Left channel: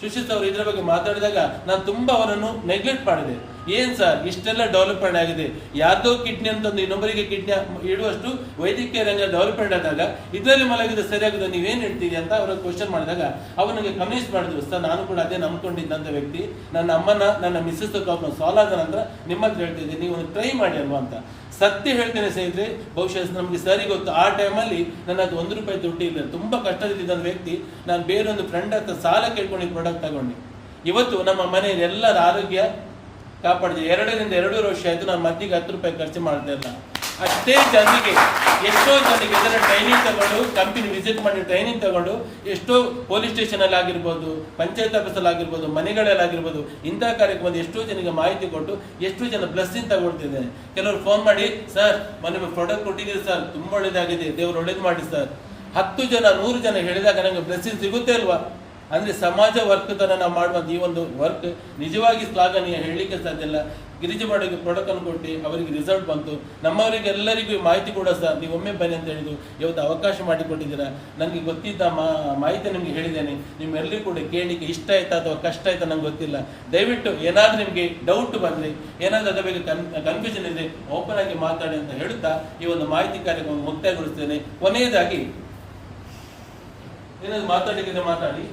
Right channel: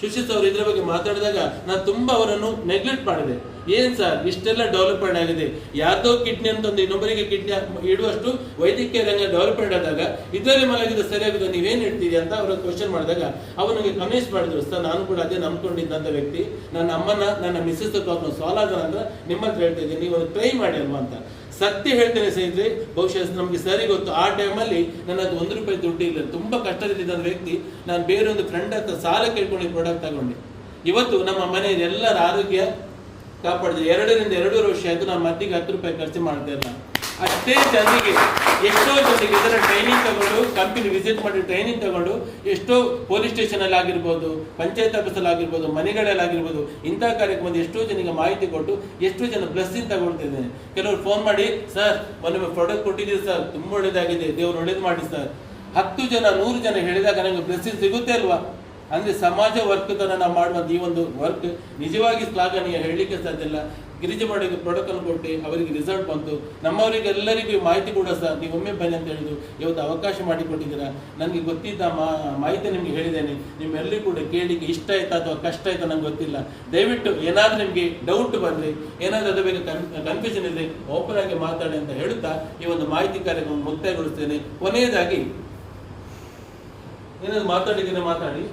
ಸುಶೀತ್ ಅವರು ಇದರ ಬಗ್ಗೆ ಮಾತಾಡಿದಾಗ ನಾನು ತುಂಬಾ ಅವರನ್ನು ನೆಗ್ಲೆಕ್ಟ್ ಮಾಡಿದೆ. ಏನ್ ಸರ್ ಇಷ್ಟೆಲ್ಲ ಡೆವಲಪ್ಮೆಂಟ್ ಆಗಿದೆ, ಯಾರ್ದೋ ಕಿಡ್ನಿ ಅಂತಂದು ಇನ್ನೊಬ್ಬರಿಗೆ ಕಿಡ್ನಿ ಇಡುವಷ್ಟು ವೈದ್ಯಕೀಯ ರಂಗ ಡೆವಲಪ್ಮೆಂಟ್ ಆದಾಗ ಇದರಲ್ಲಿ ಮಲಗಿದೆ ಸರಿಯಾಗಿದೆ ನೀವೇನ್ ಇಡ್ತೀರಿ ಅಂತ ಅವರು ಕ್ವಶನ್ ಮಾಡಿದಾಗ ಅವನಿಗೆ ಕನ್ವಿನ್ಸ್ ಮಾಡಿದ್ರು. ಸರ್ ನಾನು ಕೂಡ ಅದೇ ನಂಬ್ಕೊಂಡಿದ್ದಂತ ವ್ಯಕ್ತಿ, ನನ್ನ ಅಮ್ಮನ ನನ್ನ ಮಿಸ್ಸಸ್ ಸಾಲ್ವ್ ಆಗೋಣ ಅಂತ ನಿಮ್ಮ ಹತ್ರ ಹೇಳ್ತಿದ್ದೆ, ನೀವು ಟ್ರೈ ಮಾಡಿ ಅಲ್ವಾ ಅಂತ. ಸತ್ಯ ಹೇಳ್ತೇನೆ ಸ್ನೇಹಿತರೆ, ಬಹುಶಃ ನಮ್ಗೆ ಸರಿ ಗೊತ್ತು ಆ ಟೈಮಲ್ಲಿ ನನ್ನ ಅದು ₹1 ದುಡ್ಡು ಇಲ್ಲ, ತುಂಬಾ ಕಷ್ಟದಿದ್ದಂತ ವ್ಯಕ್ತಿ. ನಾನು ಬೇರೆ ಒಂದು ಫ್ರೆಂಡ್ ಹತ್ರ ಸಾಲ ಕೇಳ್ಕೊಂಡು ಪ್ರಾಡಕ್ಟ್ ತಗೊಂಡೆ. ಇವತ್ತು ನಮ್ಮ ಮನೆಯಲ್ಲಿ ಎಲ್ಲರ ಆರೋಗ್ಯ ಕಾಪಾಡಿದೆ. 2 ರಿಂದ 2.5 ವರ್ಷ ಆಯ್ತು ನಾನು ಮದ್ದಿಗೆ ₹10 ಖರ್ಚು ಮಾಡ್ತಾ ಇಲ್ಲ. ಅಷ್ಟೇ ಜನರಿಗೆ, ಎಷ್ಟೋ ಜನರಿಗೆ ಇದರ ಟ್ರೈನಿಂಗ್ ತಗೊಂಡು ಕಂಪನಿ ವಿಸಿಟ್ ಮಾಡಿ ಟ್ರೈನಿಂಗ್ ತಗೊಂಡು ಎಷ್ಟೋ ಪೊಲೀಸ್ ಸ್ಟೇಷನ್ ಅಲ್ಲಿ ಆಗಿರ್ಬೋದು, ಪಂಚಾಯತ್ ಆಫೀಸ್ ಅಲ್ಲಿ ಆಗಿರ್ಬೋದು, ಮನೆಗಳಲ್ಲಿ ಆಗಿರ್ಬೋದು, ಇಂತಹ ಕಾರ್ಯಕ್ರಮ ಎಷ್ಟೋ ಜನರಿಗೆ ಮಾಹಿತಿ ಕೊಟ್ಟು ಎಷ್ಟೋ ಜನ ಬ್ಲೆಸ್ಸಿಂಗ್ ತಗೊಳ್ತಿದೆ. ಕೆಲವರು ಫೋನ್ ಮಾಡಿ, ಸರ್ ಮೊನ್ನೆ ಪ್ರಾಡಕ್ಟ್ ಕೊಟ್ಟಿದ್ದೀರಿ ಸರ್, ತುಂಬಾ ಒಳ್ಳೇದಾಗಿದೆ, ದೇವ್ರು ಒಳ್ಳೇದು ಮಾಡಿ ಸರ್. 10 ಜನ 100 ಜನ ಹೇಳಿದಾಗ ನನಗೆ ಬ್ಲೆಸ್ಸಿಂಗ್ ಸಿಗುತ್ತೆ ಅಲ್ವಾ? ಅಂದ್ರೆ ಸಮಾಜ ವರ್ಕ್ಗಳನ್ನು ನಾವು ಮಾಡುವಂತ ಈ ಒಂದು ವರ್ಕ್ ನಿಜವಾಗಿ ಶ್ಲಾಘನೀಯ, ಹೇಳಲಿಕ್ಕೆ ಸಾಧ್ಯ ಇಲ್ಲ. ಗಿರಿಜವಾಡಿಗೆ ಪ್ರಾಡಕ್ಟ್ ಅನ್ನು ಕೊಟ್ಟು ಅವರಿಗೆ ರಿಸಲ್ಟ್ ಬಂತು. ನಮ್ಮವರಿಗೆ ಎಲ್ಲರಿಗೂ ಮಾಹಿತಿ ಕೂಡ ಸಹ ನೀವು ಒಮ್ಮೆ ಬನ್ನಿ ಅಂತ ಹೇಳಿದ್ರು. ಇವತ್ತು ಅವಕಾಶ ಮಾಡಿಕೊಟ್ಟಿದ್ದೀರಾ. ನನಗೆ ಗೊತ್ತಿದ್ದ ಮಾಹಿತಿ ನಿಮ್ಗೆ ಹೇಳಿದ್ದೇನೆ. ನಿಮ್ಮೆಲ್ಲರಿಗೂ ಕೂಡ ಕೇಳಿಕ್ಕೆ ಇಷ್ಟ ಆಯ್ತಾ ಅಥವಾ ಕಷ್ಟ ಆಯ್ತಾ ನಂಗೆ ಗೊತ್ತಿಲ್ಲ. ದಯವಿಟ್ಟು ಏನಾದ್ರೂ ನಿಮ್ಗೆ ಡೌಟ್ ಬರಲಿ, ಏನಾದ್ರೂ ಅದರ ಬಗ್ಗೆ ಕನ್ಫ್ಯೂಷನ್ ಇದೆ, ಓಪನ್ ಆಗಿ ಮಾತಾಡಿ ಅಂತ ಹೇಳುತ್ತಾ ಈ ಒಂದು ಮಾಹಿತಿ ಕಾರ್ಯಕ್ರಮ ಮುಕ್ತಾಯಗೊಳಿಸ್ತೇನೆ. ಕೊನೆಯದಾಗಿ ಏನಾದ್ರು ಮಾತಾಡಿದ್ರೆ ಮಾತಾಡಿ.